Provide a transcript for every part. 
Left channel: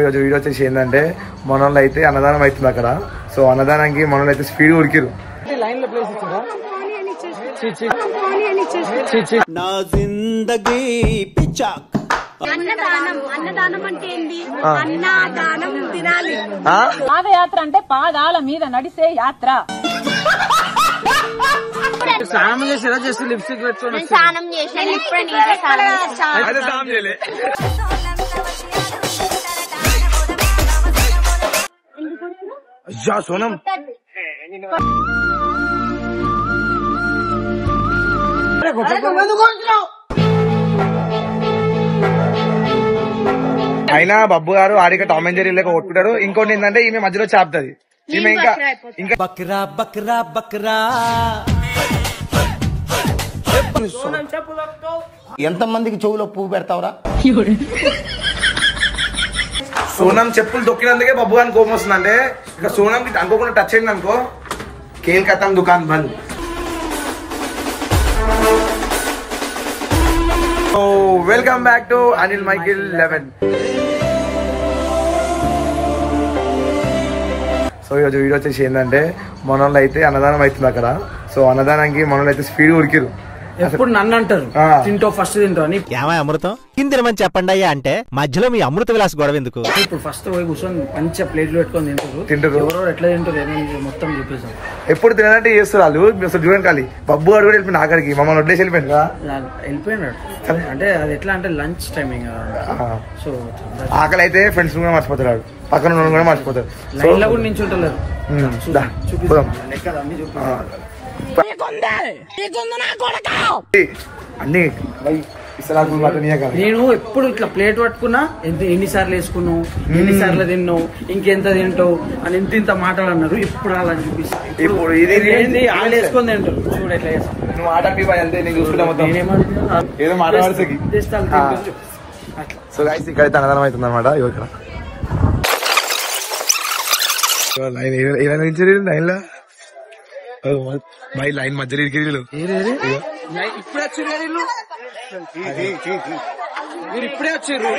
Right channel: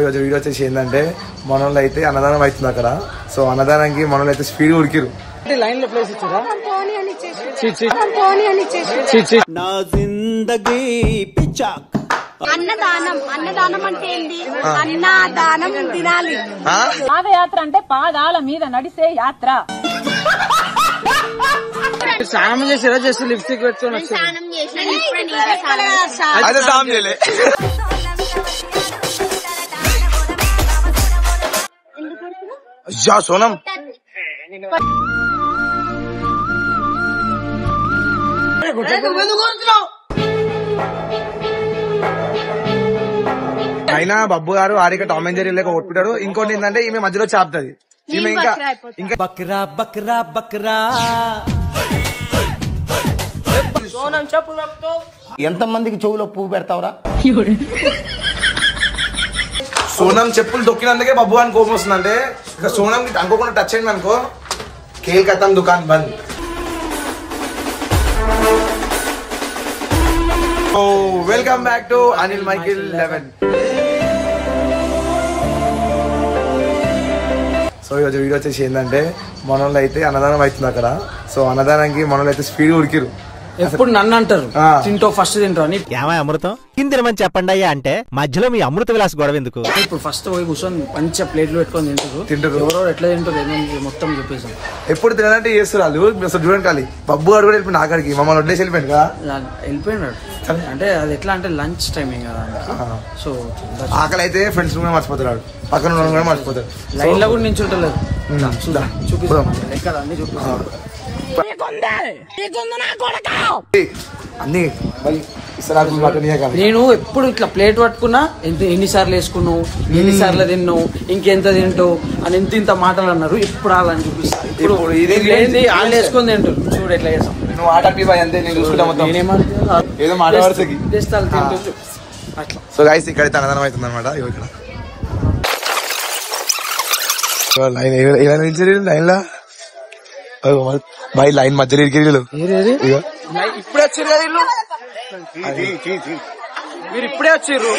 ఈరోజు వీడియో వచ్చేసి ఏంటంటే మనోళ్ళు అయితే అన్నదానం అవుతుంది అక్కడ. సో అన్నదానానికి మనోళ్ళు అయితే స్పీడ్ ఉడికిరు. పాదయాత్ర అంటే పాదాల మీద నడిసే యాత్ర. స్నానం చేసి ఎలా చేసి లిప్స్టిక్ పెట్టుకొని సోనం అయినా బబ్బు గారు ఆడిక టామ్ అండ్ జెర్రీ లేక కొట్టుకుంటాడు. ఇంకోటి ఏంటంటే ఈమె మధ్యలో చాపుతుంది. ఈమె ఇంకా బక్రా బక్రా బక్రా. ఎంత మందికి చెవులో పువ్వు పెడతావురా? సోనం చెప్పులు తొక్కినందుకే బబ్బు గారిని కోపం వస్తుంది. అంటే ఇక సోనం అనుకోకుండా టచ్ అయింది అనుకో, కేల్ కథం దుకాన్ బంద్. Welcome back to Anil Michael 11. So ఈరోజు వీడియో వచ్చేసి ఏంటంటే మనోళ్ళు అయితే అన్నదానం అవుతుంది అక్కడ. సో అన్నదానానికి మనోళ్ళు అయితే స్పీడ్ ఉడికిరు. ఎప్పుడు నన్ను అంటారు తింటో ఫస్ట్ తింటో అని. ఏమై అమృతం తిందిరమని చెప్పండి అయ్యా అంటే మధ్యలో మీ అమృత విలాస్ గొడవ ఎందుకు? ఇప్పుడు ఫస్ట్ పోయి కూర్చొని మంచిగా ప్లేట్లు పెట్టుకొని తింటారు. ఎవరో ఎట్లా తింటారు మొత్తం చూపిస్తాం. ఎప్పుడు తినాలంటే చేస్తారు వాళ్ళు. అసలు చూడండి ఖాళీ బబ్బు గారు కూడా వెళ్ళిపోయింది ఆఖరికి. మమ్మల్ని వడ్డేసి వెళ్ళిపోయింది కదా. వెళ్ళిపోయినాడు అంటే అది ఎట్లా అంటే లంచ్ టైమింగ్ కదా. సో ఆకలి అయితే ఫ్రెండ్స్ కూడా మర్చిపోతారు, పక్కన ఉన్న కూడా మర్చిపోతారు. లైన్లో కూడా నించుంటలేదు. అన్ని నేను ఎప్పుడు ఇట్లా ప్లేట్ పట్టుకున్నా ఎన్నిసార్లు వేసుకున్నావు, ఎన్నిసార్లు తిన్నావు, ఇంకెంత తింటావు అని ఇంత మాటలు అన్నారు. ఇప్పుడు వాళ్ళని చూపిస్తాను. ఇప్పుడు వాళ్ళు వేసుకొని తింటారు. చూడు ఎట్లా నువ్వు ఆటపి అంతే నేను చూసుకుంటా మొత్తం ఏదో మాట్లాడుతుంది. సో గైస్ ఇక్కడైతే అన్నదానం అవుతుంది అనమాట. ఇక్కడ లైన్ ఇలా నుంచి లైన్ లా బై లైన్ మధ్యలో ఇప్పుడే వచ్చారు మీరు ఇప్పుడే వచ్చారు.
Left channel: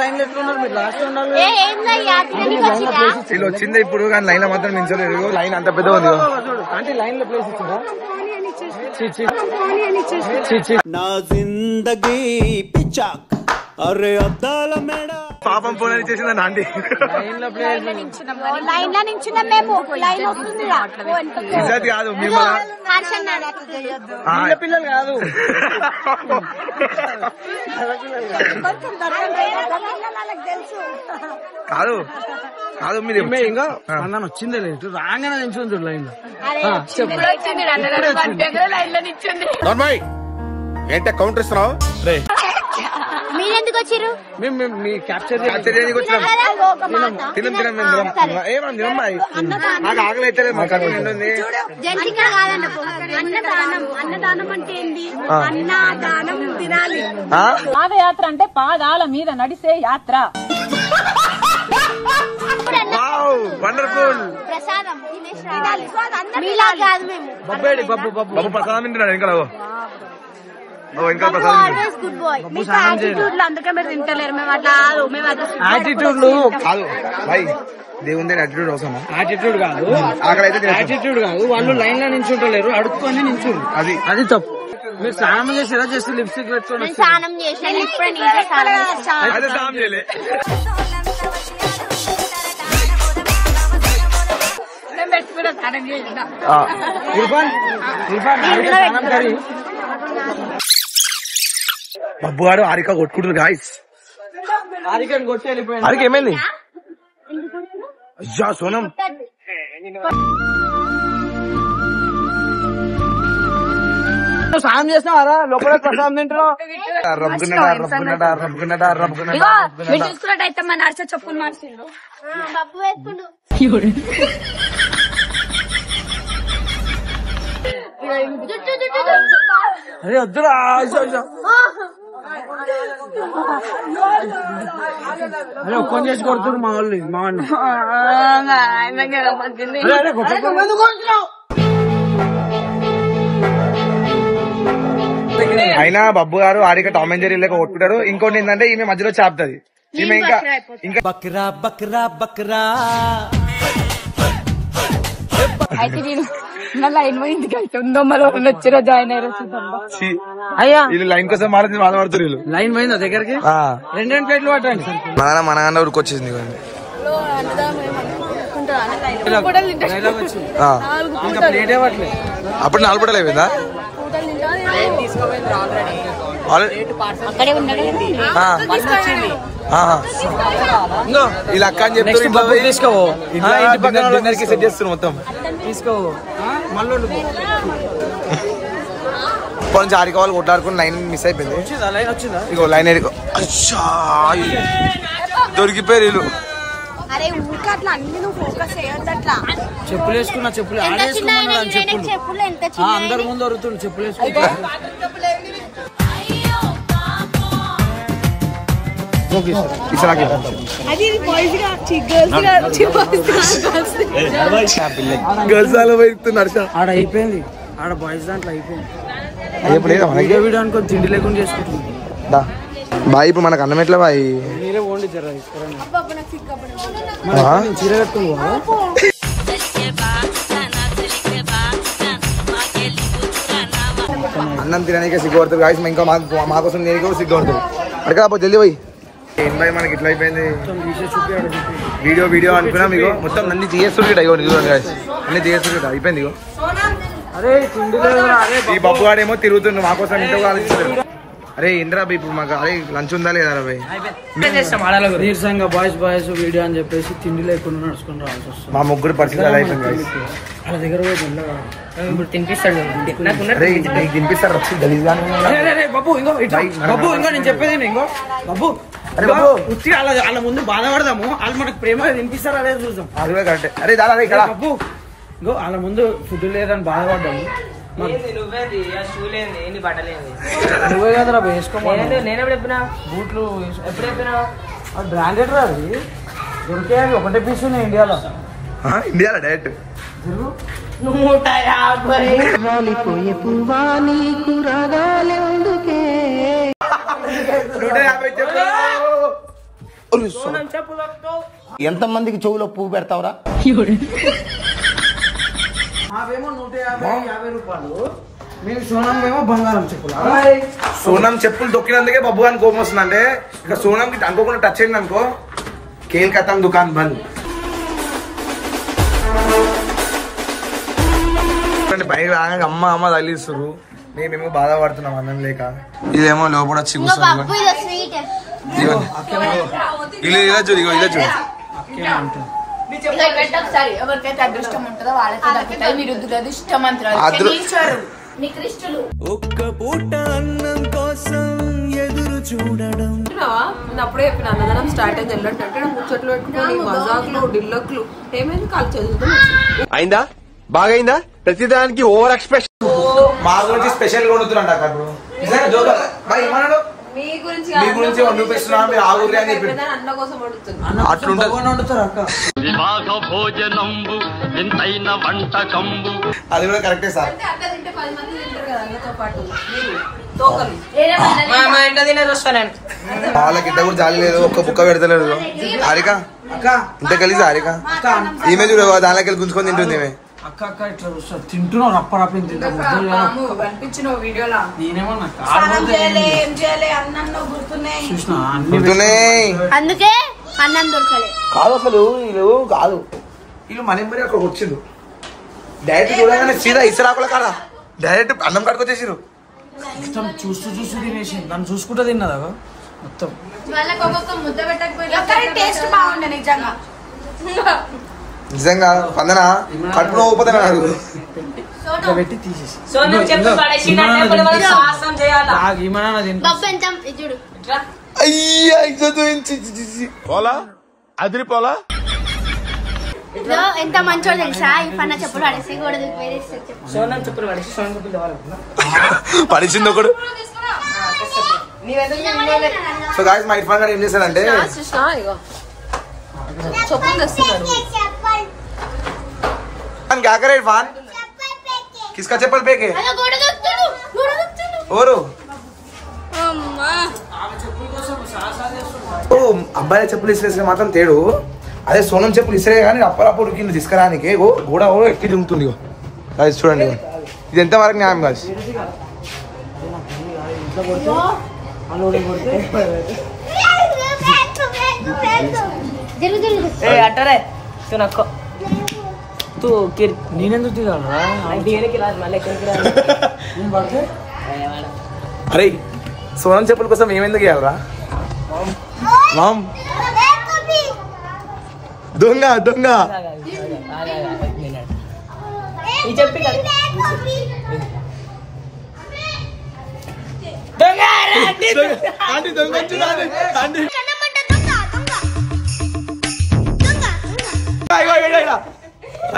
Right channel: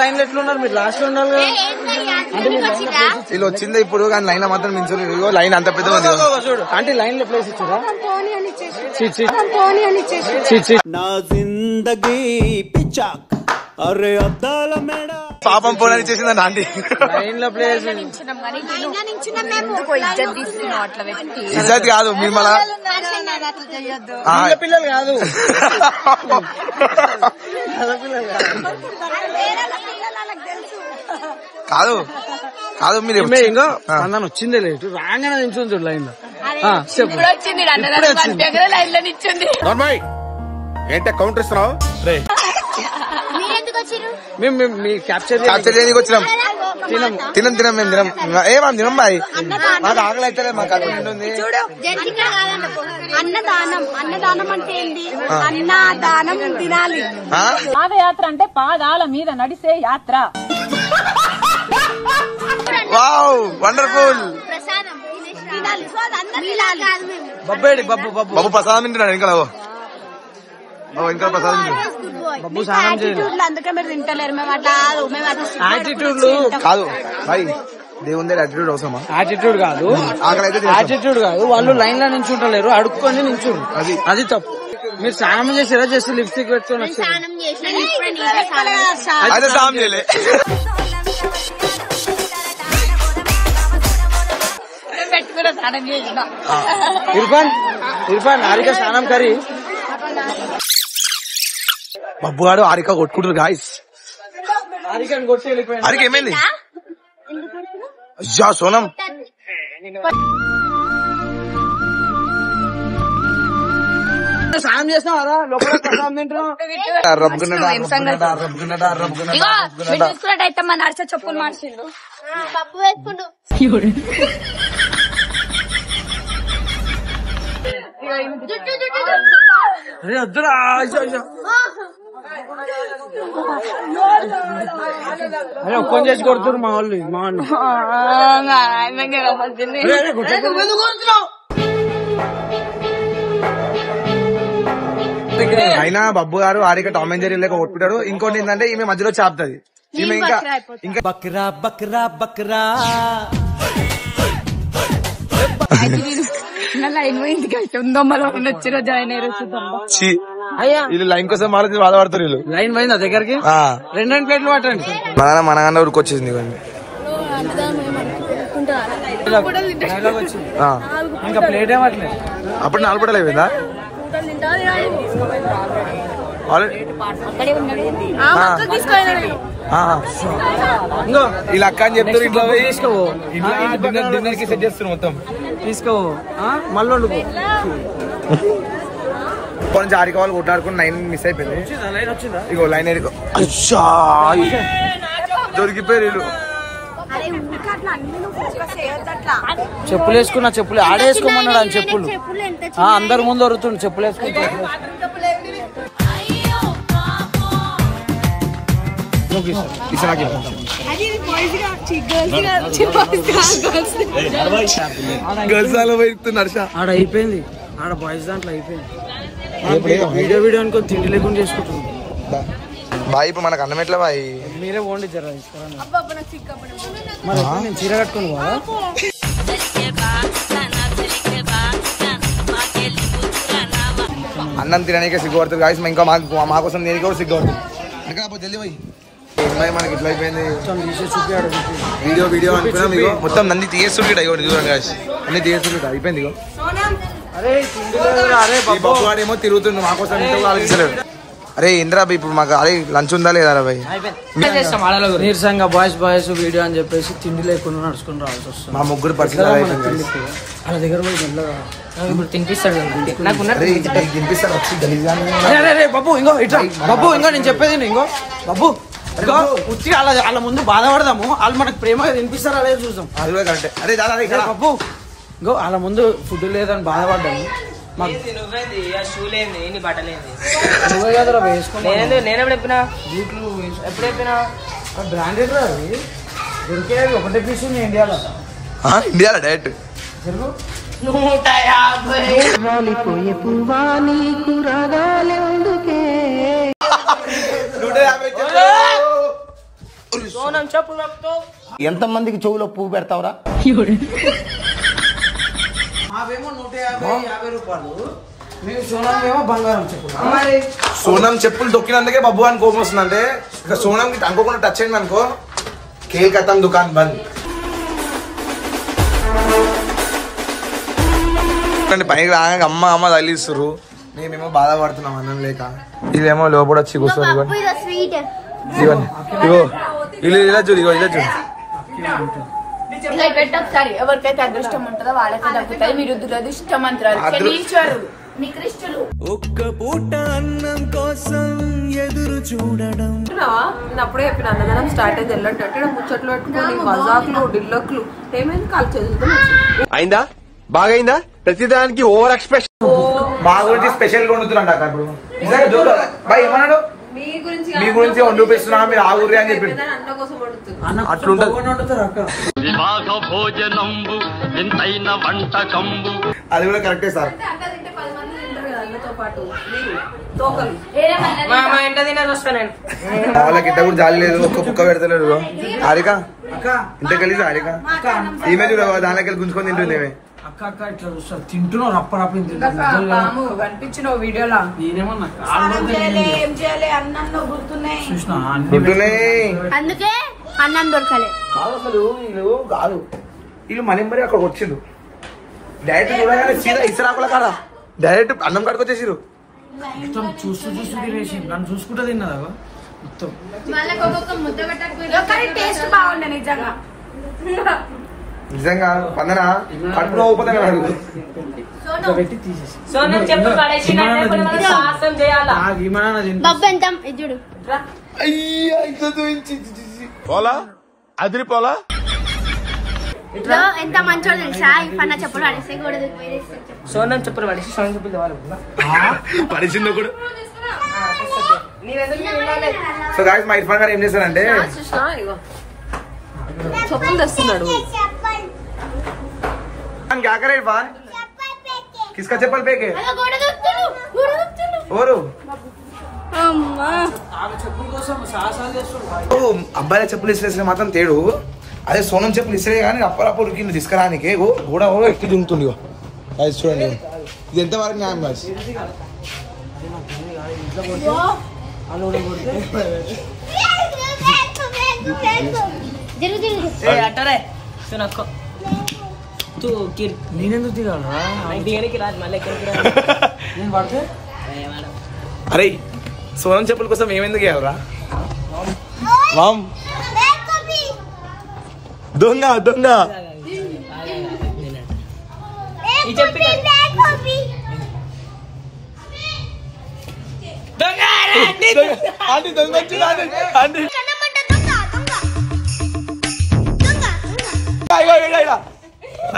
లైన్ లో ఎట్లున్నారు మీరు? లాస్ట్ లో ఉన్నారు. వీళ్ళు వచ్చిందే ఇప్పుడు కానీ లైన్ లో మాత్రం నించోలేదు. లైన్ అంత పెద్ద ఉంది అంటే లైన్ లో ప్లేస్ ఇచ్చారా? నా జిందగీ పిచ్చాక్ అరే అద్దాల మేడ పాపం ఫోన్ అని చేసిందండి ఆంటీ. ఇజ్జత్ కాదు మీరు మళ్ళా పిల్లలు కాదు. కాదు కాదు మీరు అన్న వచ్చిందే లేదు రాగానే నిల్చుంది లైన్ లో. ఏంటే కౌంటర్ ఇస్తున్నావు? తినం మేము తినం ఏమని తినం బాయ్. మాకు ఆకలి అయితే మాకు కడుపు నిండుంది. పాదయాత్ర అంటే పాదాల మీద నడిసే యాత్ర. Wow wonderful. బాబు ప్రసాదం తింటున్నాడు ఇంకా. ఇంకా ప్రసాదం కాదు బాయ్. దేవుందే యాటిట్యూడ్ అవసరమా? యాటిట్యూడ్ కాదు, ఆకలి అయితే యాటిట్యూడ్ కాదు. వాళ్ళు లైన్ లో నించుంటలేరు, అడుక్కొని నించుండు. అది తప్పు. మీరు స్నానం చేసి ఎలా చేసి లిప్స్టిక్ పెట్టుకొని అదే స్నానం చేయలే. స్నానం కరీ బబ్బు గారు ఆరిక కొట్టుకుంటారు గాయస్. ఆరికని కొట్టి వెళ్ళిపోయింది. ఆరిక ఏమైంది? అయ్యా సోనం స్నానం చేసినా చెప్పులు మార్చిండు. అదే వద్దురా. ఫోన్ చేసి కొడుతున్నారు మా వాళ్ళు. మా వాడిని అయినా బబ్బు గారు ఆడిక టామ్ అండ్ జెర్రీ లేక కొట్టుకుంటాడు. ఇంకోటి ఏంటంటే ఈమె మధ్యలో చాపుతుంది. ఈమె ఇంకా బక్రా బక్రా బక్రా అయితే నేను నా లైన్ పోయింది ఉందమ్మలో వచ్చిన జాయిన్ అయ్యారు అయ్యా వీళ్ళు లైన్ కోసం బాధపడుతారు. వీళ్ళు లైన్ పోయిందా దగ్గరికి? 2 ప్లేట్లు పట్టండి. మన ఊరికొచ్చేసింది ఇంకా ప్లేట్ ఇవ్వట్లేదు. అప్పుడు 4 పూటలు అయిపోయిందా? ఇలా అక్క అని చెప్తారు. ఇంట్లో పోయి డిన్నర్ కి సెట్ చేస్తారు మొత్తం. తీసుకో మళ్ళీ కొంచెం ఆరి కావాలి కొట్లాడుకుని 9 మిస్ అయిపోయింది. ఇగో లైన్ అచ్చా దొరికిపోయారు వీళ్ళు. చెప్పులు వేసుకున్నా, చెప్పులు ఆడేసుకోమన్నాడు అని చెప్పులు అందరు ముందు వరుతుంది. చెప్పులు వేసుకుంటా ఆడ అయిపోయింది. ఆడ బాయ్స్ దాంట్లో అయిపోయింది. వీడియో అనుకో తిండి లేకుండా చేసుకుంటున్నాం. బాయ్ ఇప్పుడు మనకు అన్నం ఎట్లా బాయ్? మీరే ఓన్లీ జరగదు చీర కట్టుకుని అన్నం తినడానికి సిగ్గుపడుతుంది గాయస్. ఇంకా మా కోసం నేను కూడా సిగ్గుపడుతుంది. అడగా జల్దీ పోయి ఏం బాయ్ మనకి ఇట్లా అయిపోయింది. వీడియో అనుకున్నా మీకు మొత్తం అన్ని తీయేస్తుంటా. ఇగో చూడండి గాయస్ అన్ని తీయేస్తుంటా అయిపోయింది. ఇగో ఈ బబ్బు గాడేమో తిరుగుతుండు మా కోసం ఇంట్లో ఆలోచించలేదు. అరే ఇంద్రా ఇప్పుడు మాకు అరే లంచ్ ఉందా లేదా భయ్? నీరసంగా బాయ్స్ వీడియో అని చెప్పేసి తిండి లేకుండా నడుచుకుని రావాల్సి వస్తుంది. మా ముగ్గురు పరిస్థితి అలా అయిపోయింది గాయస్. వాళ్ళ దగ్గర పోయి తినిపిస్తాడు తినిపిస్తారు. బాబు ఇంకో నేను చెప్పేది ఇంకో బాబు ఉచ్చి వాళ్ళ ముందు బాధపడదాము. వాళ్ళు మనకు ప్రేమ తినిపిస్తారు అదే చూద్దాం. అది కూడా కరెక్టే. అరే దాదా బాబు ఇంకో వాళ్ళ ముందు ఫుడ్ లేదని బాధపడ్డాము. బూట్లు బ్రాండెడ్ అవి దొరికే ఒకటే పీస్ ఉన్నాయి ఇండియాలో. ఇండియాలో డైరెక్ట్ 150 ఎంతమందికి చెవులో పువ్వు పెడతావురా? మావేమో 150 రూపాయలు. మీరు సోనం ఏమో బంగారం చెప్పులు. సోనం చెప్పులు దొక్కినందుకే బబ్బు అని కోపం వస్తుంది. అంటే ఇక సోనం అనుకోకుండా టచ్ అయింది అనుకో కేల్ కథం దుకాన్ బంద్. పైకి రాగా అమ్మ తగిలిస్తారు. మేమేమో బాధపడుతున్నాం అన్నం లేక. ఇదేమో లోపల వచ్చి కూర్చొని ఇవన్నీ ఇలా చూడు. ఇలా చూడు ఎవరికైతే అదృష్టం ఉంటుందో వాళ్ళకి దక్కుతాయి. మీరు దురదృష్టమంతురాలు. ఒక్క పూట అన్నం కోసం ఎదురు చూడడం. నేను అప్పుడే చెప్పిన అన్నదానం స్టార్ట్ అయింది వెళ్ళంటే ముచ్చట్లు పెట్టుకుని మజాకులు డిల్లక్లు ఏమైంది కాల్ చదువుతాం అయిందా? బాగైందా? ప్రతిదానికి ఓవర్ ఎక్స్ప్రెషన్. మా గురించి స్పెషల్ వండుతున్నా ఇప్పుడు ఏమన్నాడు? మీ గురించి వండుపిస్తున్నా మీరు ఆ ఊరి అని చెప్పి అట్లుంటది. అది కూడా కరెక్టే సార్. వాళ్ళకి ఇట్ట కూడా జాలి లేదు. ఒక్క బుక్క పెడతలేడు. హారిక ఇంత కలిసి హారిక ఈమె చూడ దానిలోకి వెళ్ళి గుంజుకొని తింటుంది. తింటున్నావు రప్పరప్పని అందుకే అన్నం దొరకాలి కాదు అసలు. వీళ్ళు కాదు వీళ్ళు మన మరి అక్కడ వచ్చిండు డైరెక్ట్ చూడగానే సీదా ఇసరాకుల కాడ డైరెక్ట్ అన్నం కడుకొచ్చేసిరు. మొత్తం చూస్తూ తినేసి నన్ను చూసుకుంటూ తిన్నదా మొత్తం. టేస్ట్ నిజంగా స్పందన కడుపులో పోతాను పెట్టి తీసేసి పోలా అదిరి పోలా. ఎంత మంచో తెలుసా? ఈ పన్న చెప్పులు పడేసి సోనం చెప్పులు పడేసి సోనం చెప్పులు పడిచింది ఒకడు. సో గాయ్స్ మా ఇర్ఫాన్ గారు ఏం చేశాడంటే చెప్పులు తెస్తున్నాడు. क्या करे इरफान? किसका चप्पल फेंके? ఎవరు ఆమె చెప్పుల కోసం సాహసాలు చేస్తున్నాడు. ఓ అబ్బాయిల చెప్పులు ఇసిరేసిన మాత్రం తేడు. అదే సోనం చెప్పులు ఇసిరే కానీ అప్పలప్పుడు కింద తీసుకురానికి గోడ ఎక్కి జుంగుతుంది. అది చూడండి, ఇది ఎంత వరకు న్యాయం కాదు. అట్టరే నేనెందుకు దిగాలరా? అరే సోనం చెప్పుల కోసం ఏమెందుకు ఇవ్వాలరా? మామ్ దొంగ దొంగ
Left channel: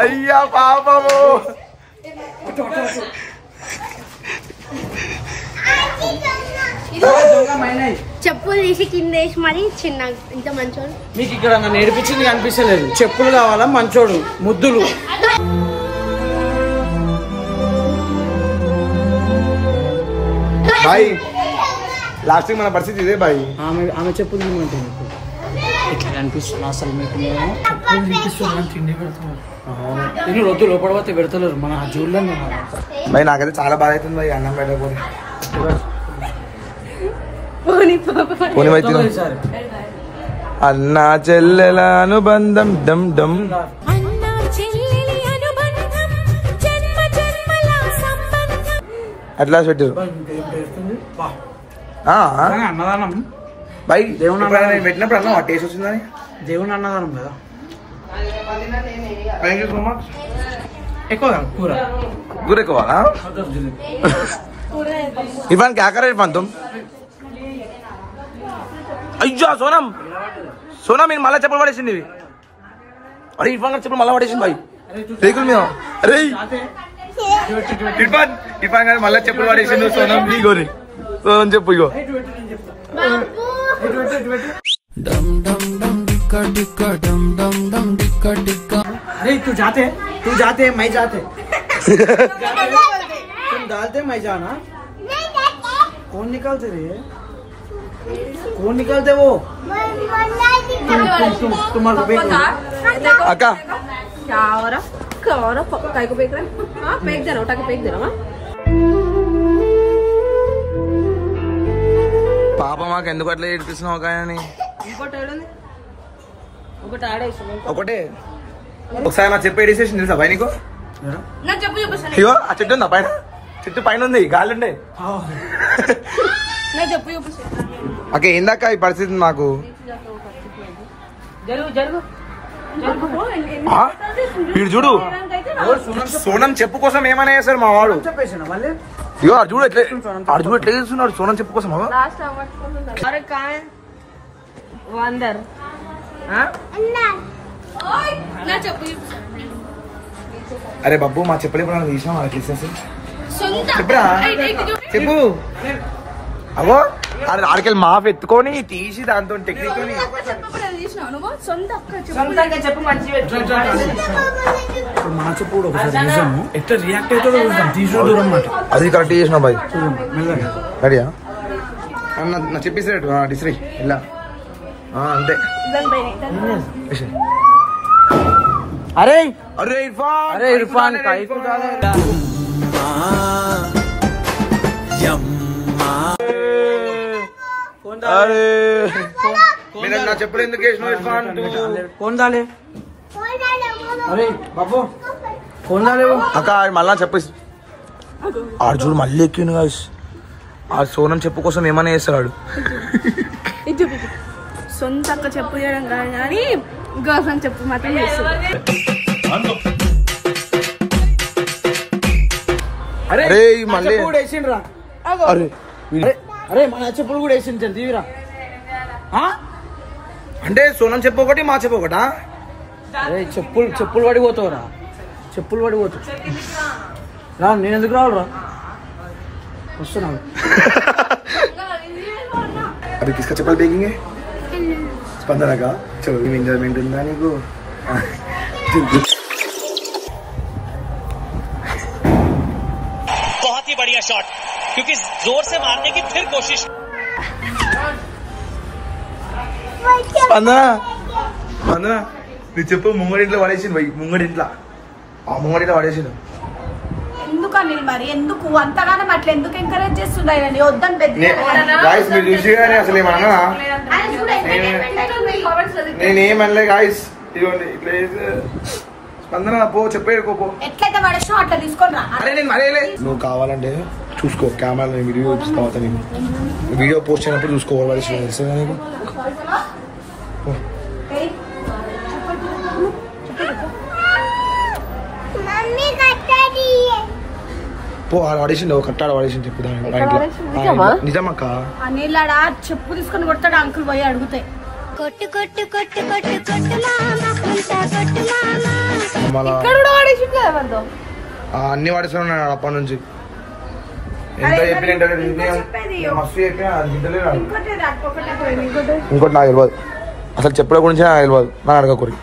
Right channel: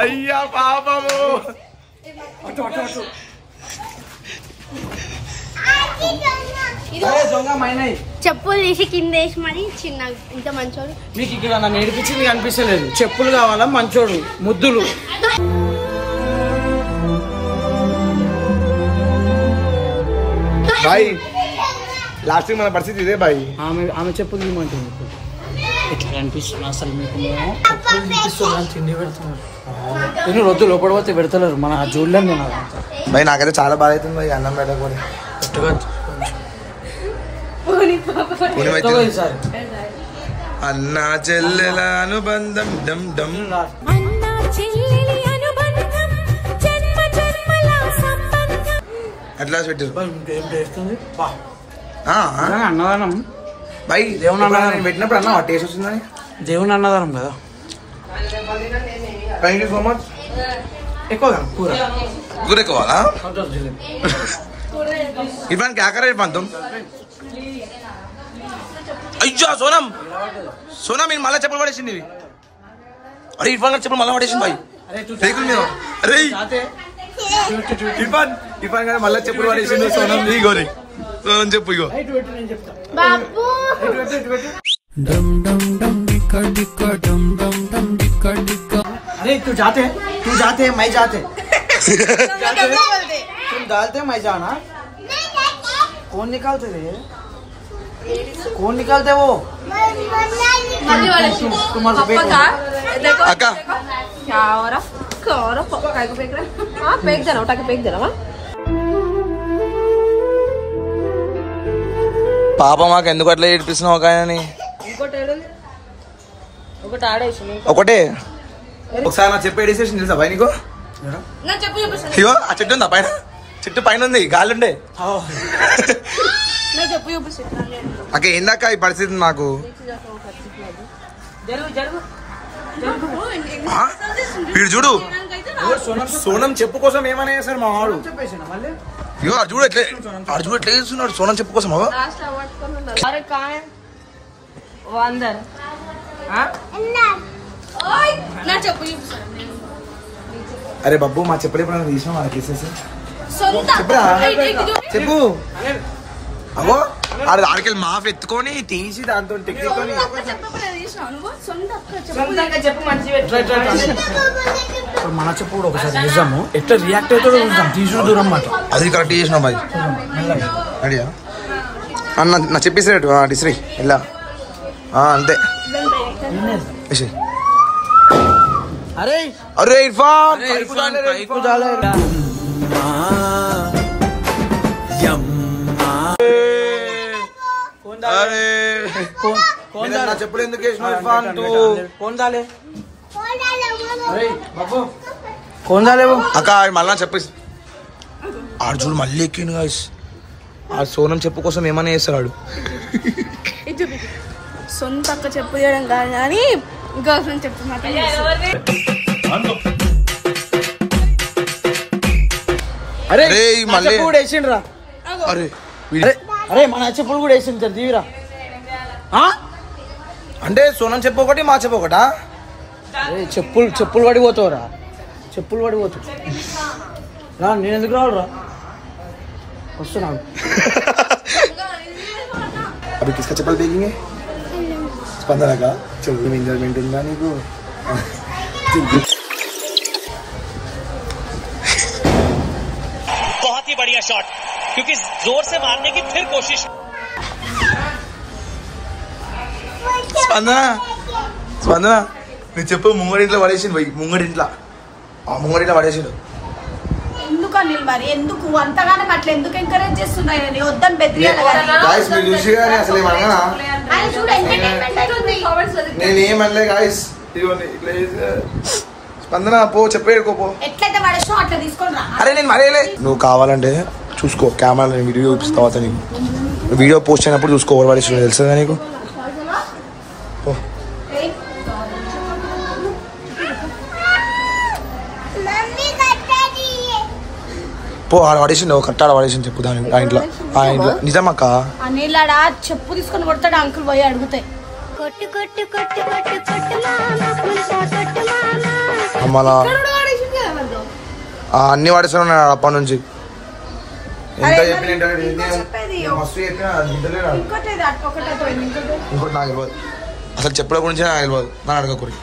అయ్యా పాపము. చెప్పులు తీసి కింద వేసి మరి చిన్న ఇంత మంచోడు. మీకు ఇక్కడ నన్ను ఏడిపించింది కనిపించలేదు. చెప్పులు కావాలా మంచోడు ముద్దులు. బాయ్ లాస్ట్ మన పరిస్థితి ఇదే బాయ్. ఆమె చెప్పులు తీయమంటుంది. ఇట్లా అనిపిస్తుంది అసలు మీకు. తిండి పెడుతున్నారు. నేను రొద్దు లోపల పోతే పెడతలేరు. మన ఆ జూల్లో బాయ్ నాకైతే చాలా బాధ అవుతుంది బాయ్ అన్నం పెట్టకపోతే. అన్న చెల్లెల అనుబంధం డమ్ డమ్. అట్లా పెట్టారు అన్నదానం. బాయ్ నేను పెట్టినప్పుడు అన్న టేస్ట్ వచ్చిందని దేవుని అన్నదానం కదా. Thank you so much. ఎక్కువగా కూర కూర ఎక్కువాలా? ఇవ్వడానికి ఆకరే పంతం. అయ్యా సోనం సోనం నేను మళ్ళా చెప్పులు పడేసింది ఇవి. అరే ఇర్ఫాన్ గారు చెప్పులు మళ్ళీ పడేసింది బాయ్ రేకుల మీద. అరే ఇర్ఫాన్ గారు మళ్ళీ చెప్పులు పడేసిండు. సోనం ఇగోరి సోనం చెప్పు ఇగో. अरे तू जाते मैं जाते तुम डालते मैं जाना. कौन निकालते रे? कौन निकालते वो? तुम्हारे అక్క పాప మాకు ఎందుకు అట్లా ఏడిపిస్తున్నావు ఒక ఆయనని? ఒకటే ఒకసారి నా చెప్పు ఏడిసేషన్ తెలుసా బాయ్ నీకు? అయ్యో ఆ చెట్టు ఉందా పైన? చెట్టు పైన ఉంది గాలుండే. అక్క ఏందాక ఈ పరిస్థితి నాకు? వీడు చూడు సోనం చెప్పు కోసం ఏమైనా చేస్తాడు మా వాడు. అయ్యో అర్జుడు ఎట్లా చేస్తున్నాడు సోనం చెప్పు కోసం. అరే బబ్బు మా చెప్పులు ఎప్పుడు తీసినా వాళ్ళకి తీసేసి చెప్పురా చెప్పు. అవో ఆడికెళ్ళి మాఫ్ ఎత్తుకొని తీసి దాంతో టెక్నిక్ మన చెప్పు కూడా ఒకసారి చూసాము. ఎట్లా రియాక్ట్ అవుతుందో చూద్దాం. తీసుకుని దూరం మాట అది కరెక్ట్ చేసిన బాయ్. రెడీయా అన్న నా చెప్పేసినట్టు డిస్రీ ఇలా అంతే. అరే అరే ఇర్ఫాన్ ఇర్ఫాన్ పైకు అరే మీరు నా చెప్పులు ఎందుకు వేసినావు ఇర్ఫాన్? అక్క మళ్ళా చెప్పేసి ఆడు చూడు మళ్ళీ ఎక్కిండు గాయస్. ఆ సోనం చెప్పు కోసం ఏమైనా చేస్తాడు. సొంత అక్క చెప్పు చేయడం కాదు కానీ గర్ల్ ఫ్రెండ్ చెప్పు మాత్రం చేస్తాడు. అరే మళ్ళీ అరే అరే మన చెప్పులు కూడా వేసింది తీవిరా. అంటే సోనం చెప్పు ఒకటి మా చెప్పు ఒకటా? అరే చెప్పులు పడిపోతావురా. చెప్పులు పడిపోతావు రా. నేను ఎందుకు రావాలరా? వస్తున్నాను. अभी किसका चप्पल फेंकेंगे? स्पंदना का. चलो एंजॉयमेंट ఉందా నీకు? बहुत ही बढ़िया शॉट. क्योंकि जोर से मारने की फिर कोशिश। స్పందన స్పందన నువ్వు చెప్పు ముంగడింట్లో పడేసిండు పోయి ముంగడింట్లో పడేసిండు ఎందుకు అనిల్ మరి ఎందుకు అంతగానం అట్లా ఎందుకు ఎంకరేజ్ చేస్తున్నాయి వద్దని గాయస్ మీరు చూసి కానీ అసలు ఏమన్నా నేనేమనలే గాయస్ ఇదిగోండి ఇట్లా స్పందన పో చెప్పేడుకోపో ఎట్లయితే పడేసినా అట్లా తీసుకొని రా. అరే నేను మరేలే నువ్వు కావాలంటే చూసుకో కెమెరా వీడియో చూపిస్తావా నీకు వీడియో పోస్ట్ అయినప్పుడు చూసుకో పడేసి తెలుసు నీకు పో ఆడ పడేసిండు కట్టాడ పడేసిండు చెప్పు దాని ఆ ఇంట్లో నిజమక్క అనిలాడా చెప్పు తీసుకొని కొడతాడు అంకుల్ పోయి అడిగితే అన్ని పడేస్తున్నాడు అప్పటి నుంచి ఎంత చెప్పిన మస్తు చెప్పినా ఇంకోటి నాకు తెలియదు అసలు చెప్పడం గురించి నాకు తెలియదు నన్ను అడగకూడదు